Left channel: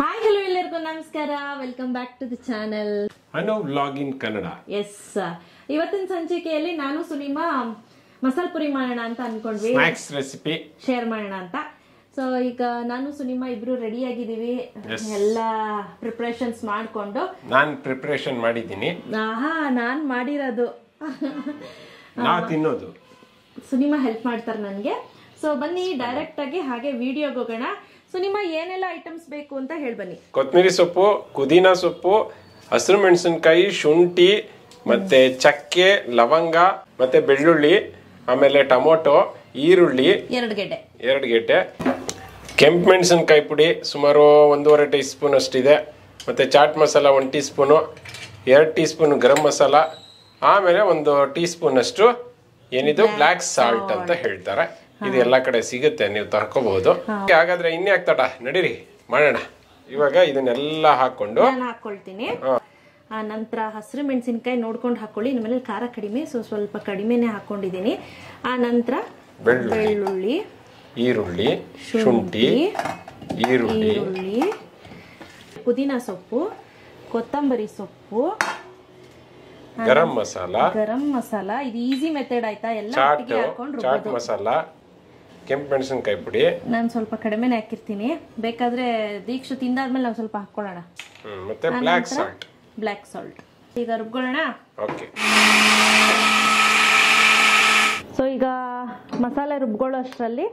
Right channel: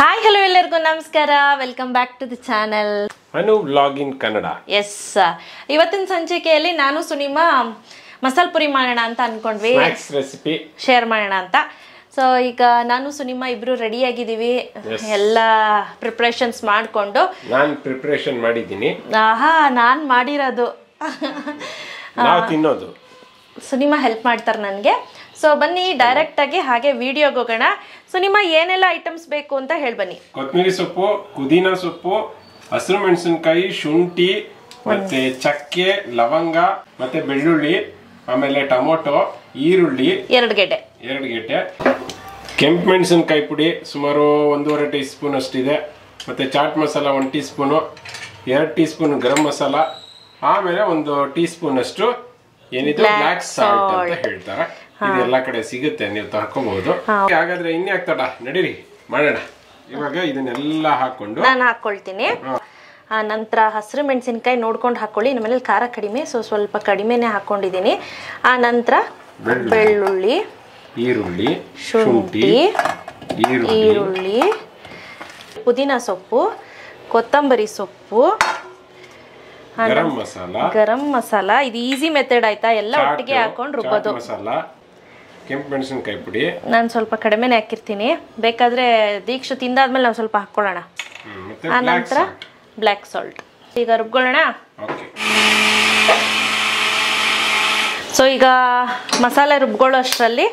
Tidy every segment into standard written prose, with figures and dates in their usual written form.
Hi, hello ಎಲ್ಲರಿಗೂ ನಮಸ್ಕಾರ. Welcome back to the channel Anu vlog in Kannada. Yes, ಇವತ್ತಿನ ಸಂಚಿಕೆಯಲ್ಲಿ ನಾನು ಸುನಿಮಾ ಮಸಾಲ ಪುರಿ ಮಾಡೋಣ ಅಂತ ಅನ್ಕೊಂಡ್ವಿ. ಸ್ನ್ಯಾಕ್ಸ್ ರೆಸಿಪಿ ಶೇರ್ ಮಾಡೋಣ ಅಂತ. ಸೊ ಈಗ ನಾನು ಸುನಿಮಾ ಇಬ್ರು ರೆಡಿ ಆಗಿದ್ದೀವಿ. ಎಲ್ಲ ಪ್ರಿಪರೇಷನ್ಸ್ ಮಾಡಿಕೊಂಡು. ನಾನು ಪ್ರಿಪರೇಷನ್ ಮಾಡಿದ್ದೀನಿ. ಆಹಾ, ನಾನು ಮಾಡಿರೋದು. ನಾವು ತಿನ್ನೋದು. ಸುನಿಮಾ ಹೆಲ್ಪ್ ಮಾಡ್ತಾರೆ ನನಗೆ. ಸೊ ಬನ್ನಿ ಡೈರೆಕ್ಟ್ ಆಗಿ ಹಾಗೆ ವಿಡಿಯೋಗೆ ಹೋಗೋಣ. ಸೊ ನಿಮ್ಮ ಏನೆಲ್ಲ ಐಟಮ್ಸ್ ಬೇಕು ಅಂತ ಹೇಳಿ ಬನ್ನಿ. ಕೊತ್ತಂಬರಿ ಸೊಪ್ಪು, ಪುದೀನಾ ಸೊಪ್ಪು, ಹಸಿರು ಮೆಣಸಿನಕಾಯಿ, ಶುಂಠಿ, ಮತ್ತೆ ಚಕ್ಕೆ, ಲವಂಗ, ಮತ್ತೆ ಬೆಳ್ಳುಳ್ಳಿ, ಆಮೇಲೆ ಟೊಮೊಟೊ, ಈರುಳ್ಳಿ 2 ಗೆಡ್ಡೆ, ಕೆಂಪು ಮೆಣಸಿನಕಾಯಿ ಪುಡಿ ಸುಮಾರು 1.5 ಟೀ ಸ್ಪೂನ್ ಅಷ್ಟಿದೆ, ಮತ್ತೆ chaat masala 1 teaspoon, 2 teaspoon garam masala, ಆಮೇಲೆ 1 ಟೀ ಸ್ಪೂನ್ ಅಷ್ಟು ಏನಿದೆ ಬ್ಲ್ಯಾಕ್ ಸಾಲ್ಟ್ ಅಂತ ಹೇಳ್ತಾರೆ. ಇದು ಎಲ್ಲಾ ಕಡೆ ಸಿಗುತ್ತೆ, ನೀವು ತರ್ಕೋಬಹುದು. ಹಾಗಾದ್ರೆ ಇನ್ನೇ ಆಗ್ತಡ, ನಡೀರಿ ಮಾಡೋಣ. ಇವಾಗ ಇದನ್ನೆಲ್ಲ ಹಾಕೊಂಡು ನಾನು ಹಾಕೊಳ್ತೀನಿ. ಆ ನಂತರ ಹಸಿರು ಮೆಣಸಿನಕಾಯಿ ನೋಡ್ಕೊಂಡು ಹಾಕೊಳ್ಳಿ. ನಮ್ಮ ಮನೇಲಿ ಖಾರ ಕಡಿಮೆ, ಸೊ ಸ್ವಲ್ಪ ಕಡಿಮೆನೆ ಹಾಕೊಂಡಿದ್ದೀನಿ. ಆ ನಂತರ ಬೆಳ್ಳುಳ್ಳಿ, ಈರುಳ್ಳಿ, ಶುಂಠಿ, ಈರುಳ್ಳಿ, ಪುದೀನಾ ಸೊಪ್ಪು, ಕೊತ್ತಂಬರಿ ಸೊಪ್ಪು, ಗರಂ ಮಸಾಲ. ಇದು ಈಸಿ ಮೆಥಡ್ ಆಯ್ತಾ, ಎಲ್ಲ ಒಟ್ಟಿಗೆ ಹಾಕೊಂಡು ರುಬ್ಬೋದು. ಮಸಾಲ, ಕೆಂಪು ಮೆಣಸಿನಕಾಯಿ ಪುಡಿ ನಾನು ಸ್ವಲ್ಪ ಕಡಿಮೆನೆ ಹಾಕಿರ್ತೀನಿ, ಬೇಕಾದ್ರೆ ದೀಕ್ಷು ತಿಂದಾದ್ಮೇಲೆ ನಾವು ಸ್ವಲ್ಪ ಹಾಕೊಳ್ಳೋಣ. ಆ ನಂತರ ಬ್ಲ್ಯಾಕ್ ಸಾಲ್ಟ್. ಈಗ ರುಬ್ಕೊಳ್ಳೋಣ. ಸೊ ಈಗ ಮಸಾಲೆ ರುಬ್ಕೊಳ್ಳೋ ಅಷ್ಟರಲ್ಲಿ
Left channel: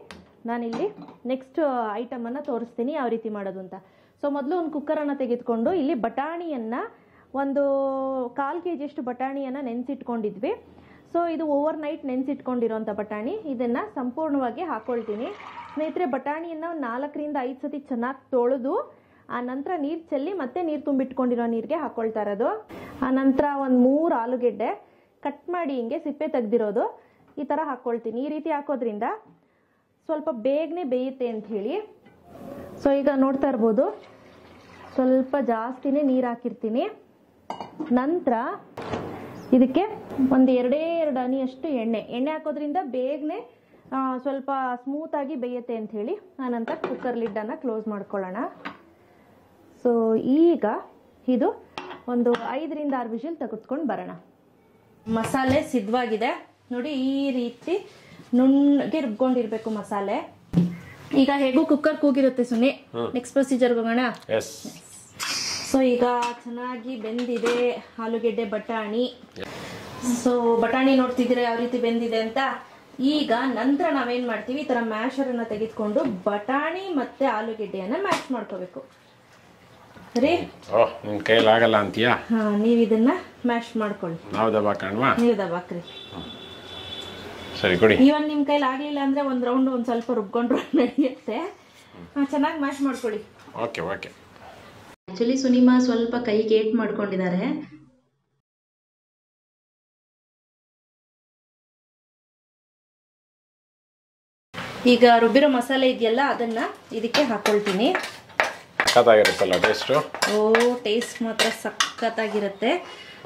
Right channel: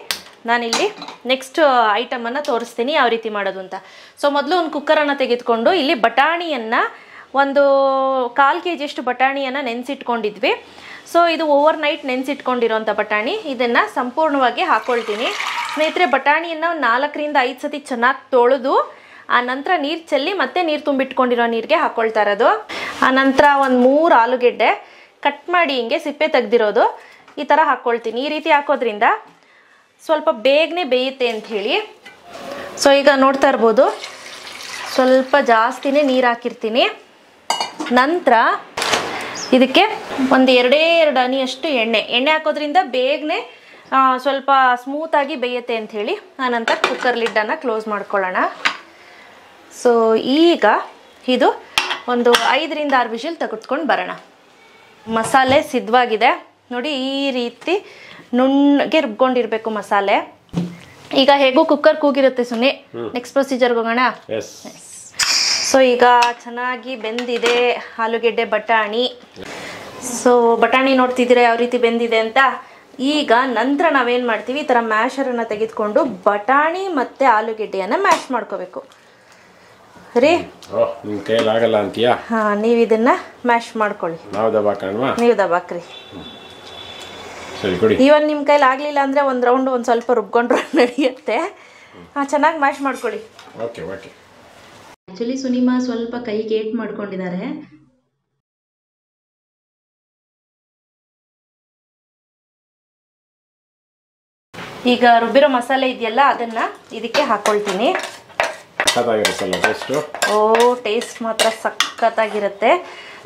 ನಾನಿಲ್ಲಿ ನೆಕ್ಸ್ಟ್ ಐಟಮನ್ನು ತೋರಿಸ್ತೀನಿ ಯಾವ ರೀತಿ ಮಾಡೋದು ಅಂತ. ಸೊ ಮೊದಲು ಒಂದು ಕುಕ್ಕರನ್ನು ತೆಗೆದುಕೊಂಡು ಇಲ್ಲಿ ಬಟಾಣಿಯನ್ನು ಒಂದು 1/4 kg ಅಷ್ಟು ಬಟಾಣಿಯನ್ನು ನೆನೆಸಿಟ್ಕೊಂಡಿದ್ವಿ. ಸೊ ಇದು ಓವರ್ ನೈಟ್ ನೆನೆಸಿಟ್ಕೊಂಡಿರೋಂಥ ಬಟಾಣಿ. ಇದನ್ನು ಸಂಪೂರ್ಣವಾಗಿ ಹಾಕ್ಕೊಳ್ತೀನಿ. ಸ್ನೇಹಿತರೆ, ಬಟಾಣಿಯನ್ನು 4 ರಿಂದ 5 ಸತಿ ಚೆನ್ನಾಗಿ ತೊಳೆದು ಆ ನಂತರ ನೀರು ಚೆಲ್ಲಿ ಮತ್ತೆ ನೀರು ತುಂಬಿಟ್ಕೊಂಡಿರೋ ನೀರಿಗೆ ಹಾಕ್ಕೊಳ್ತಾ ಇರೋದು. ಆ ನಂತರ ಒಂದು 3 ಆಲೂಗೆಡ್ಡೆ ಕಟ್ ಮಾಡಿ ಹಿಂಗೆ ಸಿಪ್ಪೆ ತೆಗೆದಿರೋದು ಈ ಥರ ಹಾಕ್ಕೊಳ್ತೀನಿ. ಈ ರೀತಿ ಹಾಕೋದ್ರಿಂದ ಸ್ವಲ್ಪ ಬೇಗನೆ ಬೇಯುತ್ತೆ ಅಂಥೇಳಿ. ಸೊ ಈಗ ನೋಡ್ತಾ ಇರ್ಬೋದು, ಸ್ವಲ್ಪ ಜಾಸ್ತಿನೇ ನೀರು ಹಾಕಿರ್ತೀನಿ. ನಂತರ ಇದಕ್ಕೆ ಒಂದು 2 ಹನಿಯಷ್ಟು ಎಣ್ಣೆ ಹಾಕೋದ್ರಿಂದ ಬೇಗನೆ ಸ್ವಲ್ಪ ಸ್ಮೂತಾಗಿ ಬೇಯುತ್ತೆ ಅಂಥೇಳಿ. ಆನಂತರ ಕುಕ್ಕರ್ ಲಿಡ್ಡನ್ನು ಕ್ಲೋಸ್ ಮಾಡ್ಕೊಳ್ಳೋಣ. ಸೊ ಈಗ ಇದು ಒಂದು 5 ರಿಂದ 6 ವಿಷಲ್ ತೆಗೆದುಕೊಂಡು ಬರೋಣ. ಮಸಾಲೆ ಸಿದ್ಧವಾಗಿದೆ ನೋಡಿ, ಈ ರೀತಿ ನುಣ್ಣಗೆ ರುಬ್ಕೊಂಡಿರಬೇಕು ಮಸಾಲೆ. ಈಗ ಹೇಗೂ ಕುಕ್ಕರ್ ಕೂಗಿರುತ್ತೆ ಸುಮ್ಮನೆ. ನೆಕ್ಸ್ಟ್ ಪ್ರೊಸೀಜರ್ಗೆ ಹೋಗೋಣ. ಸೊ ಈಗ ಚೆನ್ನಾಗಿ ಬೆಂದಿದೆ ಆಲೂಗೆಡ್ಡೆ ಬಟಾಣಿ. ಸೊ ಬಟಾಣಿ ನೋಡ್ತಿದ್ದೀರಾ ಯಾವ ರೀತಿ ಬೆಂದಿದೆ ಅಂತ. ಈಗ ನಂತರ ನಾವೇನು ಮಾಡ್ತೀವಿ, ಈ ಥರ ಮ್ಯಾಶರನ್ನು ತೆಗೆದುಕೊಂಡು ಬಟಾಣಿ ಮತ್ತು ಆಲೂಗೆಡ್ಡೆಯನ್ನು ಮ್ಯಾಶ್ ಮಾಡ್ಕೋಬೇಕು ರೀ. ನಿಮ್ಮ ಕೈಲಾಗಲ್ಲ ಅಂತೀಯಾ? ಹಾಂ, ನೀವು ಇದನ್ನು ಮ್ಯಾಶ್ ಮಾಡ್ಕೊಳ್ಳಿ. ನೀವು ದಬಾಕ್ರಿ. ಇವನ್ ನಿಮ್ಮ ಕೈಲಿ ಆಗಲಿಲ್ಲ ಅಂದರೆ ಒಂದು ರೌಂಡ್ ಒಂದು ಸ್ವಲ್ಪ ರುಬ್ಕೊಂಡ್ರೆ ನಡೆಯುತ್ತೆ. ಚೆನ್ನಾಗಿ ಮ್ಯಾಶ್ ಮಾಡ್ಕೊಳ್ಳಿ. ಆ್ಯಕ್ಚುಲಿ ಸುನಿಮಾ ಸ್ವಲ್ಪ ಕೈಗೆ ಏಟ್ ಮಾಡ್ಕೊಂಡಿದ್ದಾರೆ. ಈಗ ರುಬ್ಬಿರೋ ಮಸಾಲೆ ಇದೆಯಲ್ಲ ಅದನ್ನ ಇದಕ್ಕೆ ಹಾಕೊಳ್ತೀನಿ. ಓ, ಟೇಸ್ಟ್ ಮಾತ್ರ ಸಖತ್ತಾಗಿರುತ್ತೆ.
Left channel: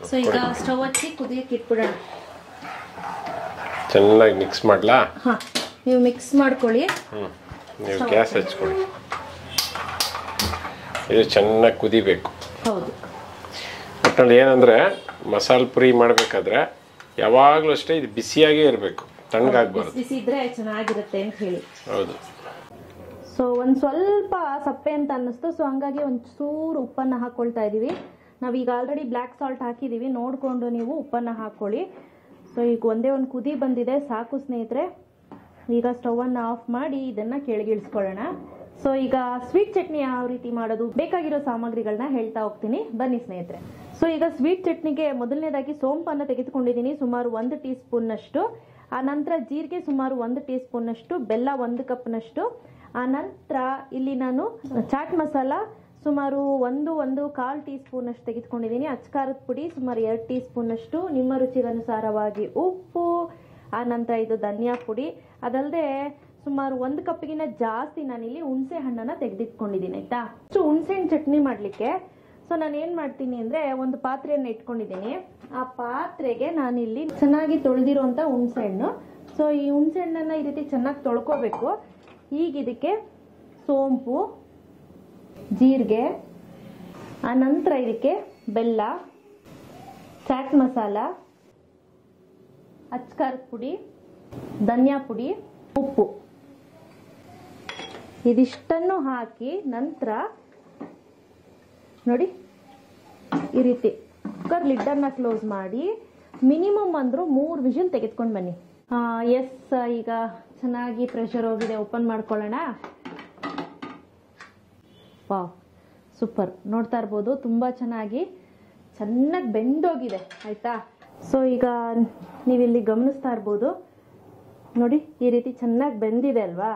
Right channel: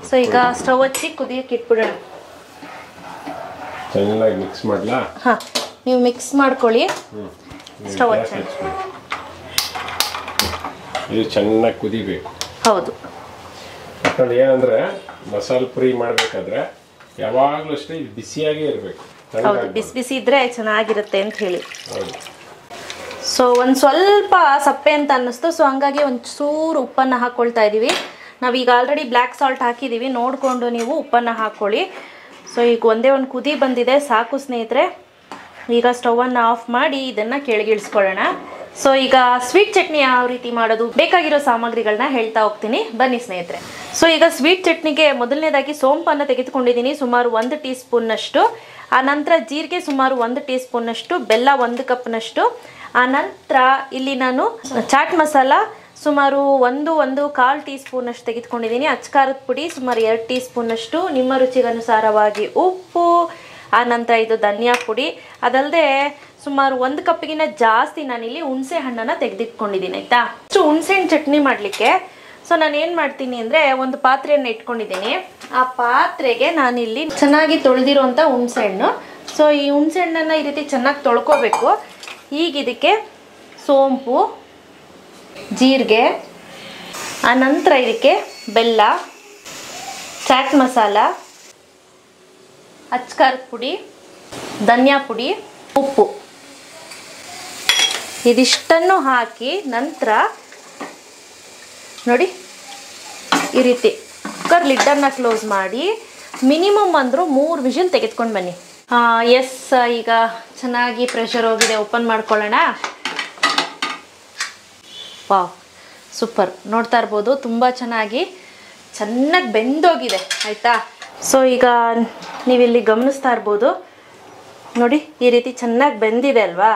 ಸೊ ಈಗ ಸ್ಟವ್ ಹಚ್ಚಿ ಕುದಿಯಕ್ಕೆ ಇಟ್ಬಿಡೋಣ. ಚೆನ್ನಾಗಿ ಮಿಕ್ಸ್ ಮಾಡ್ಲಾ? ಹಾಂ, ನೀವು ಮಿಕ್ಸ್ ಮಾಡ್ಕೊಳ್ಳಿ. ಸ್ಟವ್ ಇದು ಚೆನ್ನಾಗಿ ಕುದಿಬೇಕು. ಹೌದು. ಒಟ್ಟಲ್ಲಿ ಏನಂದ್ರೆ ಮಸಾಲೆ ಪುರಿ ಮಾಡಬೇಕಾದ್ರೆ ಯಾವಾಗಲೂ ಅಷ್ಟೇ ಇದು ಬಿಸಿಯಾಗೇ ಇರಬೇಕು, ಬಿಸಿ ಬಿಸಿ ಇದ್ರೆ ಚೆನ್ನಾಗಿರುತ್ತೆ ಅಂತ ಹೇಳಿ. ಸೊ ಒಂದು ಸ್ವಲ್ಪ ಸಪ್ಪೆ ಅಂತ ಅನ್ನಿಸ್ತು. ಸೊ ಹಂಗಾಗಿ ಒಂದು ಚೂರು ಉಪ್ಪನ್ನು ಹಾಕ್ಕೊಳ್ತಾ ಇದ್ದೀವಿ. ನಾವೀಗ ಆಲ್ರೆಡಿ ಬ್ಲ್ಯಾಕ್ ಸಾಲ್ಟ್ ಹಾಕಿದ್ದೀವಿ, ನೋಡಿಕೊಂಡು ನೀವು ಉಪ್ಪನ್ನು ಹಾಕ್ಕೊಳ್ಳಿ. ಸೊ ಈಗ ಒಂದೇ ಒಂದು ಕುದಿ ಬಂದಿದೆ, ಸಾಕು ಸ್ನೇಹಿತರೆ. ಈಗ ಸ್ಟವನ್ನು ಆಫ್ ಮಾಡಿ ಇದನ್ನು ಕೆಳಗಿಳಿಸ್ಕೊಳ್ಳೋಣ. ಸೊ ಈಗ ಸ್ವೀಟ್ ಚಟ್ನಿ ಯಾವ ರೀತಿ ಮಾಡೋದು, ಬೇಕಾಗಿರೋ ಸಾಮಗ್ರಿಗಳನ್ನ ಹೇಳ್ತಾ ಹೋಗ್ತೀನಿ, ಬನ್ನಿ ಸ್ನೇಹಿತರೆ. ಸೊ ಈಗ ಸ್ವೀಟ್ ಚಟ್ನಿಗೆ ಮೊದಲನೇದಾಗಿ ಸೋಂಪನ್ನು ತೆಗೆದುಕೊಂಡಿದ್ದೀನಿ, ಸುಮಾರು 1 ಟೀ ಸ್ಪೂನ್ನಷ್ಟು. ಆ ನಂತರ ಜೀರಿಗೆ ಸುಮಾರು 1 ಟೀ ಸ್ಪೂನ್ನಷ್ಟು, ಬೆಲ್ಲ 1 ಕಪ್ನಷ್ಟು. ಆ ನಂತರ ಇಲ್ಲಿ ನಾನು ಚಾಟ್ ಮಸಾಲ ಸುಮಾರು 1.25 ಟೀ ಸ್ಪೂನಷ್ಟು ತೆಗೆದುಕೊಂಡಿದ್ದೀನಿ. ಅಚ್ಕಾರದ ಪುಡಿ ಸುಮಾರು 2 ಟೀ ಸ್ಪೂನಷ್ಟು, ನಿಮ್ಮ ರುಚಿಗನುಸಾರವಾಗಿ ಉಪ್ಪು. ಆ ನಂತರ ಇದು ಧನಿಯಾ ಪುಡಿ. ಅದಲ್ಲದೆ ಸುಮಾರು 1 ಕಪ್ಗಿನ ಜಾಸ್ತಿ ನಾನಿಲ್ಲಿ ಹುಣಸೆ ಹಣ್ಣನ್ನು ತೆಗೆದಿಟ್ಕೊಂಡಿದ್ದೀನಿ. ಆಯಿತಾ? ಅಷ್ಟು ಹುಣಸೆ ಹಣ್ಣು ಚಟ್ನಿ ಮಾಡಲಿಕ್ಕೆ ಸೊ ನಾನು ಏನು ಮಾಡ್ತೀನಿ ಅಂದರೆ, ಒಂದು ಪಾತ್ರೆಯನ್ನು ಇಟ್ಕೊಂಡಿದ್ದೀನಿ. ಆ ಪಾತ್ರೆಗೆ ನಾನಿಲ್ಲಿ ಚೆನ್ನಾಗಿ ತೊಳೆದಿರುವಂಥ ಹುಣಸೆ ಹಣ್ಣು. ಸೊ ಈ ಹುಣಸೆ ಹಣ್ಣನ್ನು ಈ ರೀತಿ ಚೆನ್ನಾಗಿ ತೊಳ್ಕೊಬೇಕು. ಈಗ ಇದಕ್ಕೆ ಸೋಂಪು, ಜೀರಿಗೆ, ಆನಂತರ ಇದಕ್ಕೆ ಬೆಲ್ಲ, ಚಾಟ್ ಮಸಾಲ, ಅಚ್ಕಾರದ ಪುಡಿ, ಧನಿಯಾ ಪುಡಿ, ಉಪ್ಪು ಇದಿಷ್ಟನ್ನು ಹಾಕಿ ನಂತರ ನೋಡಿ ಈ ರೀತಿ ಕುಕ್ಕರ್ ಲಿಡ್ಡನ್ನು ಕ್ಲೋಸ್ ಮಾಡಿ ಮಿನಿಮಮ್ ಅಂದರೂ 3 ವಿಷಲ್ ತೆಗೆದುಕೊಂಡು ಬನ್ನಿ. ಎಸ್, ಈಗ ಚೆನ್ನಾಗಿ ಪ್ರೆಷರ್ ಹೋಗಿದೆ. ಓಪನ್ ಮಾಡ್ಕೊಳ್ಳೋಣ. Wow, super. ನೋಡ್ತಾ ಇರ್ಬೋದು ತುಂಬ ಚೆನ್ನಾಗಿ ಬೆಂದೋಗಿದೆ ಆಯಿತಾ. ಸೊ ಈಗ ನೀವಿಲ್ಲಿ ಗಮನಿಸ್ತಾ ಇರ್ಬೋದು ನೋಡಿ, ಈ ರೀತಿ ಚೆನ್ನಾಗಿ ಬೆಂದಿದೆ ಅಲ್ವಾ.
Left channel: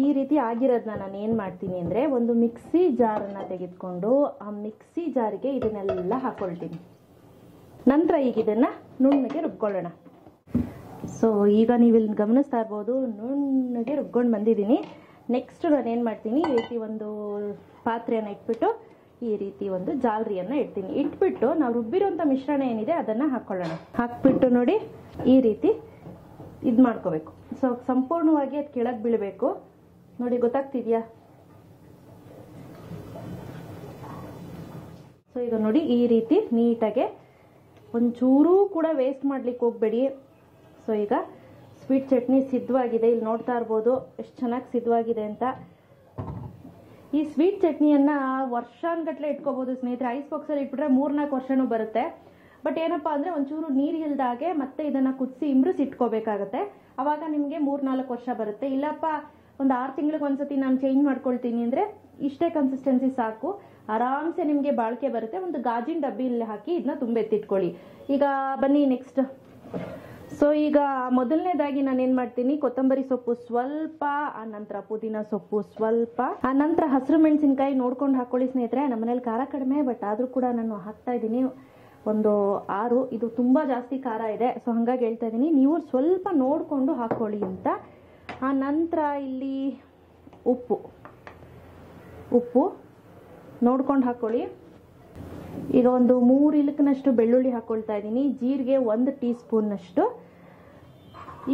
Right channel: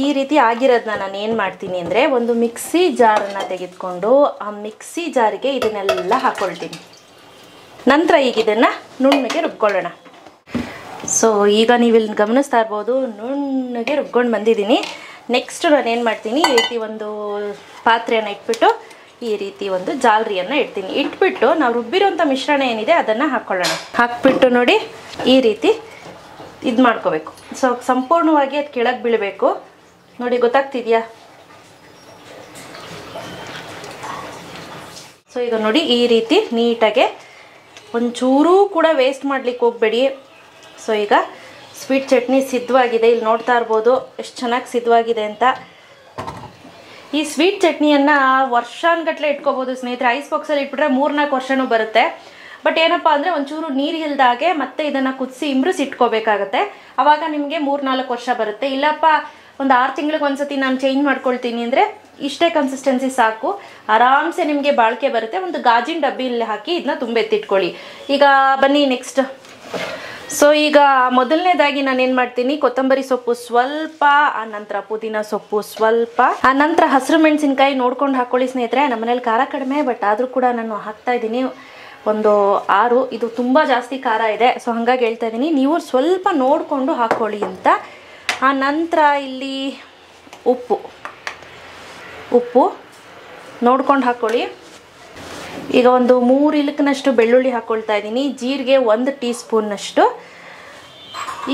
ಈ ರೀತಿ ಆಗಿರೋದನ್ನ ನಾನು ಏನು ಮಾಡ್ತೀನಿ ಅಂದರೆ, ಒಂದು ಮಿಕ್ಸಿ ಜಾರನ್ನು ತೆಗೆದುಕೊಂಡು ಆ ಮಿಕ್ಸಿ ಜಾರಿಗೆ ಇದನ್ನೆಲ್ಲ ಹಾಕ್ಕೊಳ್ತೀನಿ. ನಂತರ ಈಗ ಇದನ್ನು ನುಣ್ಣಗೆ ರುಬ್ಕೊಳ್ಳೋಣ. ಸೊ ಈಗ ನೀವಿಲ್ಲಿ ಗಮನಿಸ್ತಾ ಇರ್ಬೋದು ನುಣ್ಣಗೆ ರುಬ್ಕೊಂಡು ಬಂದಿದ್ದೀನಿ. ನೆಕ್ಸ್ಟ್ ನಾನು ಏನು ಮಾಡ್ತೀನಿ, ಈ ರೀತಿ ಒಂದು ಪಾತ್ರೆಯನ್ನು ಇಟ್ಬಿಟ್ಟು ಈ ರೀತಿ ಒಂದು ಜಾಲರಿಯನ್ನು ಇಡ್ತೀನಿ. ಇಟ್ಬಿಟ್ಟು ನಾವು ರುಬ್ಬಿರೋಂಥ ಮಿಶ್ರಣ ಏನಿದೆ ಅದನ್ನು ಹಾಕ್ಕೊಳ್ಳೋಣ. ಹಾಕ್ಬಿಟ್ಟು ನೋಡಿ ಈ ರೀತಿ ಇದು ಮಾಡ್ಕೋಬೇಕು. ಸೊ ಸಂಪೂರ್ಣವಾಗಿ ಅದು ಕೆಳಗೆ ಬೀಳಬೇಕು. ನೋಡಿ, ಗೊತ್ತಾಗ್ತಿದೆಯಾ? ಸೊ ಈಗ ನೋಡಿ ಈ ರೀತಿ ನೀಟಾಗೆ ಒಂಚೂರೂ ಕೂಡ ವೇಸ್ಟ್ ಮಾಡ್ಲಿಕ್ಕೆ ಹೋಗಬೇಡಿ. ಸೊ ಈಗ ಸ್ವೀಟ್ ಚಟ್ನಿ ಸಿದ್ಧವಾಗಿದೆ. ಇಲ್ಲಿ ನೋಡ್ತಾ ಇರ್ಬೋದು ಎಷ್ಟು ಚೆನ್ನಾಗಿ ಸಿದ್ಧವಾಗಿದೆ ಅಂತ. ಈ ಸ್ವೀಟ್ ಚಟ್ನಿಯನ್ನು ವರ್ಷಾನುಗಟ್ಟಲೆ ಇಟ್ಕೋಬೋದು ಸ್ನೇಹಿತರೆ. ಐಸ್ ಬಾಕ್ಸಲ್ಲಿ ಇಟ್ಬಿಟ್ರೆ 3-4 ವರ್ಷನೂ ಬರುತ್ತೆ. ಬಟ್ ಏನಪ್ಪ ಅಂದರೆ ಒಂಚೂರು ನೀರು ಇಲ್ದಾಗೆ ಮತ್ತೆ ಇದನ್ನು ಕುದಿಸಿ ಇಂಬ್ರಿಸಿ ಇಟ್ಕೋಬೇಕಾಗತ್ತೆ. ಆವಾಗ ನಿಮಗೆ 3-4 ವರ್ಷ ಬರುತ್ತೆ. ಇಲ್ಲಪ್ಪ ಒಂದು 6 ತಿಂಗಳಿಗೆ ಒಂದ್ಸತಿ ನಾನು ಚೇಂಜ್ ಮಾಡ್ಕೊಳ್ತೀನಿ ಅಂದರೆ ಇಷ್ಟೇ ಕನ್ಸಿಸ್ಟೆನ್ಸಿ ಸಾಕು, ಆರಾಮ್ಸೆ ನಿಮಗೆ ಬಾಳಿಕೆ ಬರುತ್ತೆ. ಒಂದು ಗಾಜಿನ ಡಬ್ಬಿಯಲ್ಲಿ ಹಾಕಿ ಇದನ್ನ ತುಂಬ ಎತ್ತಿಟ್ಕೊಳ್ಳಿ. ಈಗ ಬನ್ನಿ ನೆಕ್ಸ್ಟ್. ಸೊ ಈಗ ಮೊದಲನೇದಾಗಿ ನಾನೇನು ಮಾಡ್ತೀನಿ, ಕೊತ್ತಂಬರಿ ಸೊಪ್ಪು ಸ್ವಲ್ಪ, ಆನಂತರ ಪುದೀನ ಸೊಪ್ಪು ಸ್ವಲ್ಪ, ಆನಂತರ ಹಸಿರು ಮೆಣಸಿನ್ಕಾಯಿ ನೋಡ್ಕೊಂಡು ಹಾಕ್ಕೊಳ್ಳಿ ಸ್ನೇಹಿತರೆ. ನಮ್ಮ ಮನೇಲಿ ಖಾರ ಕಡಿಮೆ, ಬಟ್ ಆದರೂ ಕೂಡ ನಾನು ಹಾಕ್ತಾ ಇದ್ದೀನಿ ಒಂದು 6. ಇದು ತುಂಬ ಜಾಸ್ತಿ ಖಾರ ಇದೆ, ಸೊ ಹಾಗಾಗಿ ಹೇಳ್ತಾ ಇದ್ದೀನಿ, ನೀವು ಸ್ವಲ್ಪ ನೋಡಿಕೊಂಡು ಹಾಕ್ಕೊಳ್ಳಿ ಅಂತ. ಆ ನಂತರ ಇಲ್ಲಿ ಉಪ್ಪು ನೋಡ್ಕೊಂಡು ಹಾಕ್ಕೊಳ್ಳಿ. ಈಗ ಒಂದು 3 ಇಲಕ್ನಷ್ಟು ಬೆಳ್ಳುಳ್ಳಿ ಹಾಕ್ಕೊಳ್ತಾ ಇದ್ದೀನಿ. ಜೀರಿಗೆ 1 ಟೀ ಸ್ಪೂನ್ನಷ್ಟು.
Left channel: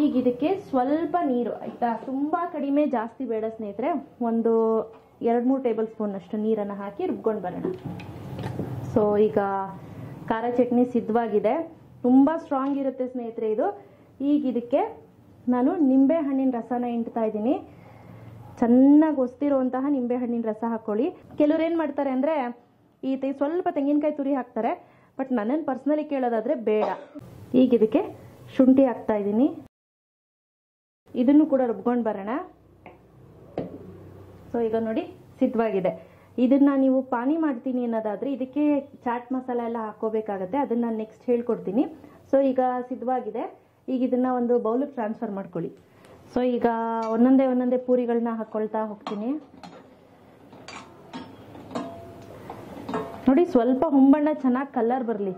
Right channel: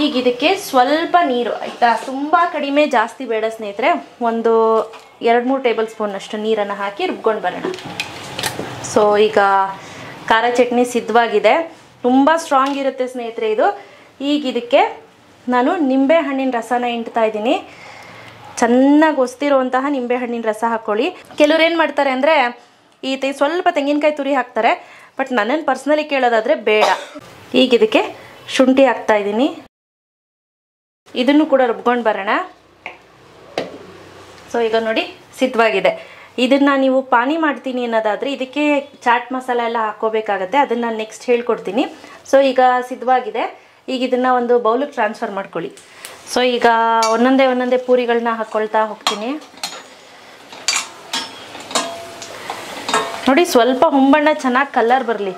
ಈಗ ಇದಕ್ಕೆ ಸ್ವಲ್ಪ ನೀರು ಆಯಿತಾ, ತುಂಬ ಕಡಿಮೆ ಜಾಸ್ತಿ ಬೇಡ ಸ್ನೇಹಿತರೆ. ಒಂದು 2-3 ಟೇಬಲ್ ಸ್ಪೂನ್ನಷ್ಟು ನೀರನ್ನು ಹಾಕಿ ರುಬ್ಕೊಂಡು ಬರೋಣ. ಸೊ ಈಗ ಖಾರ ಚಟ್ನಿ ಸಿದ್ಧವಾಗಿದೆ. ತುಂಬ ಸ್ಟ್ರಾಂಗ್ ಇರುತ್ತೆ ಸ್ನೇಹಿತರೆ ಇದು. ಈಗ ಇದಕ್ಕೆ ನಾನು ನಿಂಬೆ ಹಣ್ಣಿನ ರಸನ ಹಿಂಡ್ತಾ ಇದ್ದೀನಿ. ಚೆನ್ನಾಗಿ ಹೊಸ್ತಿರುವಂತಹ ನಿಂಬೆ ಹಣ್ಣಿನ ರಸ ಹಾಕ್ಕೊಳ್ಳಿ. ಕೆಲವ್ರು ಏನು ಮಾಡ್ತಾರೆ ಅಂದರೆ ಸ್ವಲ್ಪ ತೆಂಗಿನಕಾಯಿ ತುರಿ ಹಾಕ್ತಾರೆ, ಬಟ್ ನನ್ನನ್ನು ಪರ್ಸ್ನಲಿ ಕೇಳೋದಾದರೆ ಬೇಡ. ಈಗ ಇದಕ್ಕೆ ಶುಂಠಿ ಹಾಕ್ತಾ ಇದ್ದೀನಿ. ಇದನ್ನು ಕೂಡ ರುಬ್ಕೊಂಡು ಬರೋಣ. ಸೊ ಈಗ ನೋಡಿ ಸಿದ್ಧವಾಗಿದೆ. ಇದನ್ನು ನೀವು ಪಾನಿ ಮಾಡ್ತೀನಿ ಅನ್ನೋದಾದರೆ ಇದಕ್ಕೆ ಚಾಟ್ ಮಸಾಲ ಎಲ್ಲ ಹಾಕ್ಕೋಬೇಕಾಗತ್ತೆ, ಅದನ್ನು ನೆಕ್ಸ್ಟ್ ಹೇಳ್ಕೊಡ್ತೀನಿ. ಸೊ ಈಗ ಸಿದ್ಧವಾಗಿದೆ. ಈಗ ಇದನ್ನು ಒಂದು ಬೌಲಿಗೆ ಟ್ರಾನ್ಸ್ಫರ್ ಮಾಡ್ಕೊಳ್ಳಿ. ಸೊ ಈಗ ಒಂದೊಂದೇ ಪೂರಿಗಳನ್ನ ಹಾಕ್ಕೊಳ್ತಾ ಹೋಗ್ತೀನಿ. ನೋಡಿ, ಸ್ವಲ್ಪ ಹೊಂಬಣ್ಣ ಚೆನ್ನಾಗಿ ಕಲರ್ ಬರಲಿ.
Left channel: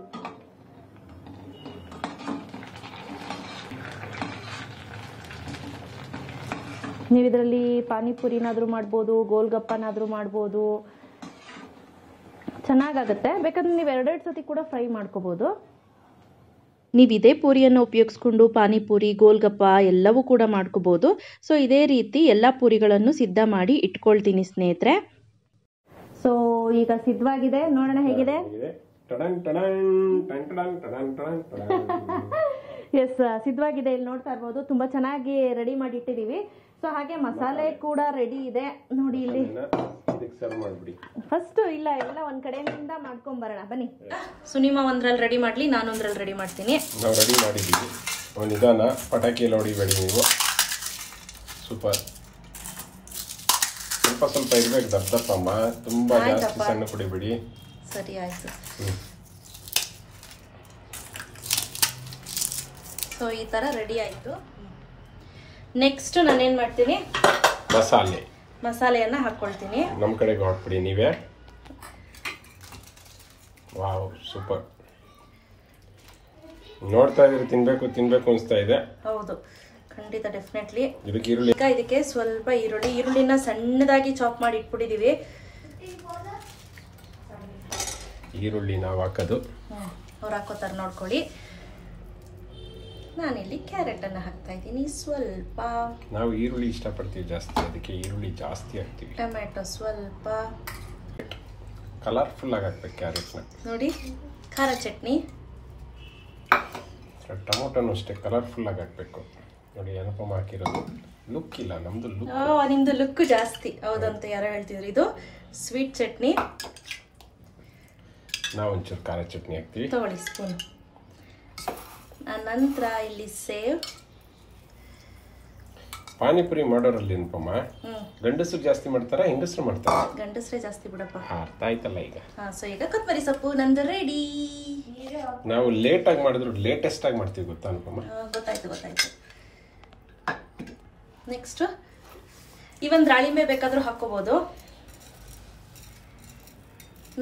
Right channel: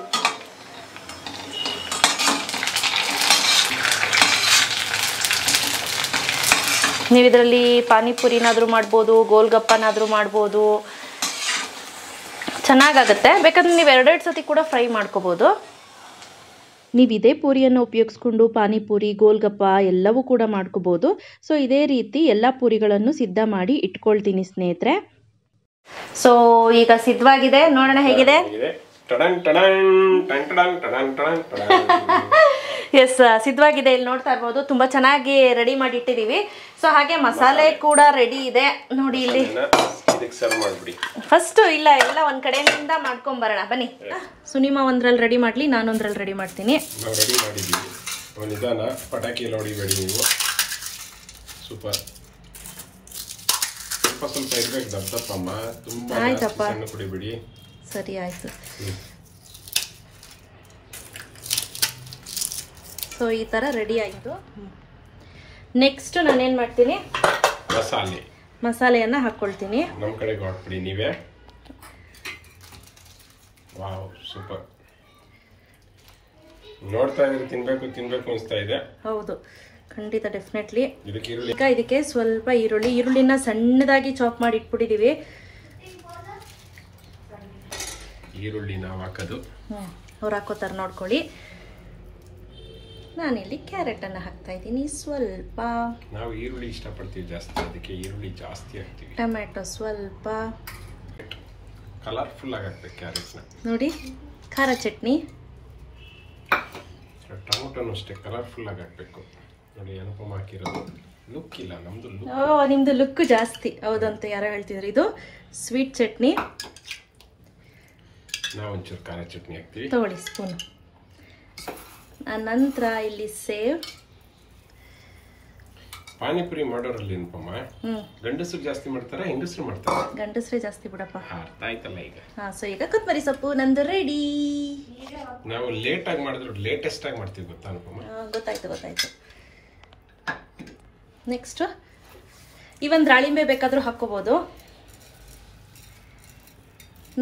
ನೀವು ಇದರಲ್ಲಿ ಪಾನಿಪುರಿನಾದರೂ ಮಾಡ್ಬೋದು, ಗೋಲ್ಗಪ್ಪನಾದರೂ ಮಾಡ್ಬೋದು, ಚೆನ್ನಾಗಾಗುತ್ತೆ. ಬೇಕಾದ್ರೆ ನೀವು 2 ಸತಿ ಕೂಡ ಫ್ರೈ ಮಾಡ್ಕೋಬೋದು. ನೀವು ಇದೇ ಪೂರಿಯನ್ನು ಉಪಯೋಗಿಸ್ಕೊಂಡು ಪಾನಿಪುರಿ, ಗೋಲ್ಗಪ್ಪ ಎಲ್ಲವೂ ಕೂಡ ಮಾಡ್ಕೋಬೋದು. ಸೊ ಇದೇ ರೀತಿ ಎಲ್ಲ ಪೂರಿಗಳನ್ನು ಸಿದ್ಧ ಮಾಡಿ ಇಟ್ಕೊಳ್ತೀನಿ ಸ್ನೇಹಿತರೆ. ಸೊ ಈಗ ಸಿದ್ಧವಾಗಿದೆ, ನೋಡೋಣ ಹೇಗಿದೆ. ಎಸ್, ಸಿದ್ಧವಾಗಿದೆ. ಇಲ್ಲಿ ನೋಡ್ತಾ ಇರ್ಬೋದು ತುಂಬ ಚೆನ್ನಾಗಿ ರೆಡಿ ಮಾಡಿ ಇಟ್ಟಿದ್ದೀವಿ. ಸೊ ಹಾಗೆ ಮಸಾಲೆ ಕೂಡ ರೆಡಿ ಇದೆ ನೋಡಿ. ಇಲ್ಲಿ ಫಸ್ಟ್ ಎಲ್ಲ ಒಂದ್ ಕಡೆಯಿಂದ ಮಾಡ್ಕೊಂಡ್ ಬರೋಣ ಬನ್ನಿ. ಸುನಿಮಾ ಒಂದ್ರಲ್ಲಿ ರೆಡಿ ಮಾಡ್ಲಿ, ನಾನು ಒಂದ್ರಲ್ಲಿ ರೆಡಿ ಮಾಡ್ತೀನಿ. ಪಟಾಕಿ ಎಲ್ಲ ಹೊಡಿಬೇಡಿ ನೀವು, ಸೂಪರ್. ಸ್ವಲ್ಪ ಇರ್ಬೇಕು, ದಪ್ಪಮ್ಮ, ತುಂಬಾ ಜಾಸ್ತಿ ಸಣ್ಣ ಕುಡಿಬೇಡಿ. ಸರಿ ಆಯ್ತು. ಸೊ ಈ ತರ ರೆಡಿ ಆಯ್ತು. ನೆಕ್ಸ್ಟ್ ನಾನೇನ್ ಮಾಡ್ತೀನಿ, ಮಸಾಲೆಯನ್ನ ಹಾಕೊಳ್ತೀನಿ. ನಮ್ ಕಡೆಗೆ ಹಾಕ್ಬಿಡಿ ನೀವೇ. Wow, super. ನೋಡ್ತಾ ಇದ್ರೆ ತಿನ್ಬೇಕು ಅನ್ಸ್ತಾ ಇದೆ. ಹೌದು, ಖಂಡಿತ, ಡೆಫಿನೆಟ್ಲಿ. ಇದಕ್ಕೆ ಸ್ವಲ್ಪ ಈರುಳ್ಳಿನ ಸಣ್ಣದಾಗಿ ಚಾಪ್ ಮಾಡಿ ಇಟ್ಬಿಟ್ಟಿದೀವಿ. ಈರುಳ್ಳಿ ನಾವು ಹಾಕೋದು, ಅವ್ರು ಹಾಕೋತಾರ ನೋಡ್ಕೊಳ್ಳಿ. ನಾನಿಲ್ಲಿ ಕ್ಯಾರೆಟ್ ಅನ್ನ ಹಾಕ್ತಾ ಇದ್ದೀನಿ ಸ್ವಲ್ಪ. ನಾವು ಈರುಳ್ಳಿ ಇಷ್ಟಪಡ್ತೀವಿ ಜಾಸ್ತಿ, ಅದಕ್ಕೆ ಈರುಳ್ಳಿ ಜಾಸ್ತಿ ಹಾಕ್ತೀವಿ. ಟೊಮೆಟೊ ಸ್ವಲ್ಪ, ಕಲರ್ಫುಲ್ ಆಗಿ ಹಾಕ್ಬೇಕು ಕ್ಯಾರೆಟ್ಸ್ನ. ನೋಡಿ ಖಾರ ಚಟ್ನಿ, ಟೊಮೊಟೊನು ಅಷ್ಟೇ ಕಲರ್ಫುಲ್ ಆಗಿ ಹಾಕ್ಬೇಕು. ನೋಡಿ ಅನುಪಮ ಹಾಕಿರೋದು ಲುಕ್ ಇಲ್ಲ, ನಮ್ದು ಲುಕ್. ನಿಮ್ದು ಲುಕ್ ಜಾಸ್ತಿ. ಹೌದಂತ ಯಾರೋ ಹೇಳ್ತಿದ್ರು. ಇದು ಸ್ವೀಟ್ ಚಟ್ನಿ, ನಾವು ಒಂಚೂರು ಖಾರ ಚಟ್ನಿ ಹಾಕ್ತೀವಿ. ತಗೊಳ್ಳಿ ಸ್ಪೂನ್. ನಂತರ ಇಲ್ಲಿ ಸೇವ್. ಪಾನಿಪುರಿ ಮಾಡೋರಲ್ಲಿ ಅನುಪಮ ಗಂಡಸರು ಜಾಸ್ತಿ ಮಾಡ್ತಾರ ಹೆಂಗಸರು ಮಾಡ್ತಾರ? ಗಂಡಸರೇ ಜಾಸ್ತಿ ಬಿಡಪ್ಪ. ಅರ್ಥ ಆಯ್ತಲ್ಲ ಈಗ. ಸೊ ಈಗ ಕೊತ್ತಂಬರಿ ಸೊಪ್ಪು ನಂದು ರೆಡಿ. ನಾವು ಲೇಟ್ ಆಗಿ ಮಾಡಿದ್ರು ಲೇಟೆಸ್ಟ್ ಆಗಿ ಮಾಡ್ತೀವಿ ಗೊತ್ತಾ ಅನುಪಮ? ಗೊತ್ತಾಯ್ತು. ನೆಕ್ಸ್ಟ್ ಇವನ್ ದಾಳಿಂಬೆ ಬೇಕಾದ್ರೂ ಹಾಕೋಬಹುದು.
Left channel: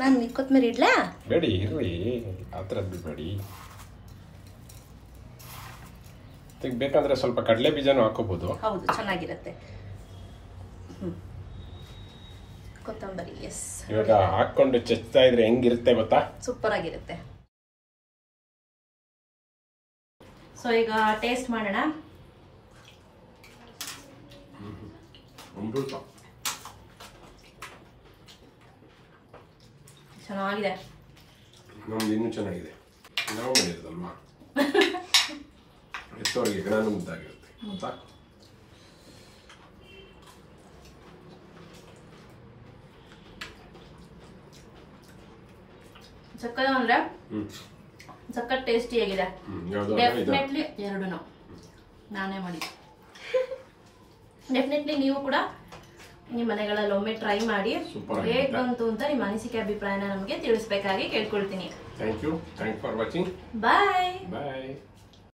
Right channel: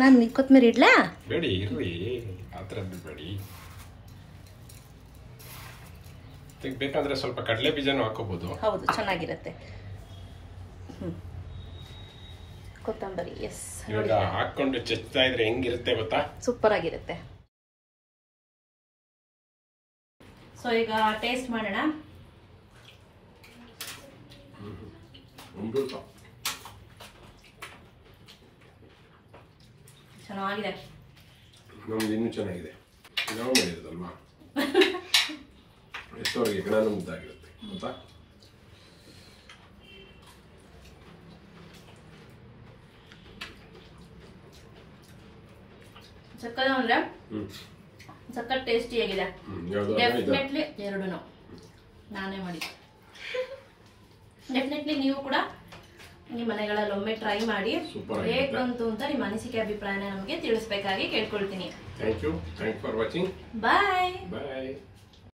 ನಾನು ಕೊತ್ತಂಬರಿ ಇಡ್ಲಾ? ಬೇಡಿ ಇರ್ಲಿ, ಆತರ ಬಿಡಬೇಡಿ. ಬೇಕಂದ್ರೆ ಸ್ವಲ್ಪ ಕಡಲೆ ಬೀಜನೂ ಹಾಕೋಬಹುದು. ಹೌದು, ಚೆನ್ನಾಗಿರುತ್ತೆ. ಕೊತ್ತಂಬರಿ ಎಸ್. ಇವಾಗ ಹಾಕೊಂಡು ಚೆಚ್ತಾ ಇದ್ರೆ ಹೆಂಗಿರುತ್ತೆ ಗೊತ್ತಾ? ಸೂಪರ್ ಆಗಿರುತ್ತೆ. ಸೊ ಈಗ ಟೇಸ್ಟ್ ಮಾಡೋಣ. ಚೆನ್ನಾಗಿದೆ. ನಮ್ದು ಇನ್ನೂ ಚೆನ್ನಾಗಿದೆ. ನಾವು ಮಾಡಿರೋದಲ್ವಾ, ಎಷ್ಟೋರಿಗೆ ಗಿಡ ಮುದ್ದಾಗಿರುತ್ತೆ ಗೊತ್ತಾ? ಸಕ್ಕತ್ ಅಂದ್ರೆ ಸಕ್ಕತ್ ಟೇಸ್ಟಿ ಆಗಿದೆ. ಡೆಫಿನೆಟ್ಲಿ ಎರಡೂನು ನಾನೇ ಮಾಡಿ. ಡೆಫಿನೆಟ್ಲಿ ನೀವು ಕೂಡ ನಿಮ್ಮ ಮನೆಗಳಲ್ಲಿ ಒಮ್ಮೆ ಟ್ರೈ ಮಾಡಿ ಹೇಗ್ ಬಂತು ಅಂತ ನಿಮ್ಮ ಅನಿಸಿಕೆ ಅಭಿಪ್ರಾಯನ ನಮಗೆ ತಿಳಿಸಬೇಕಾಗಿ ಕೇಳ್ಕೊಳ್ತೀನಿ. Thank you for watching. Bye.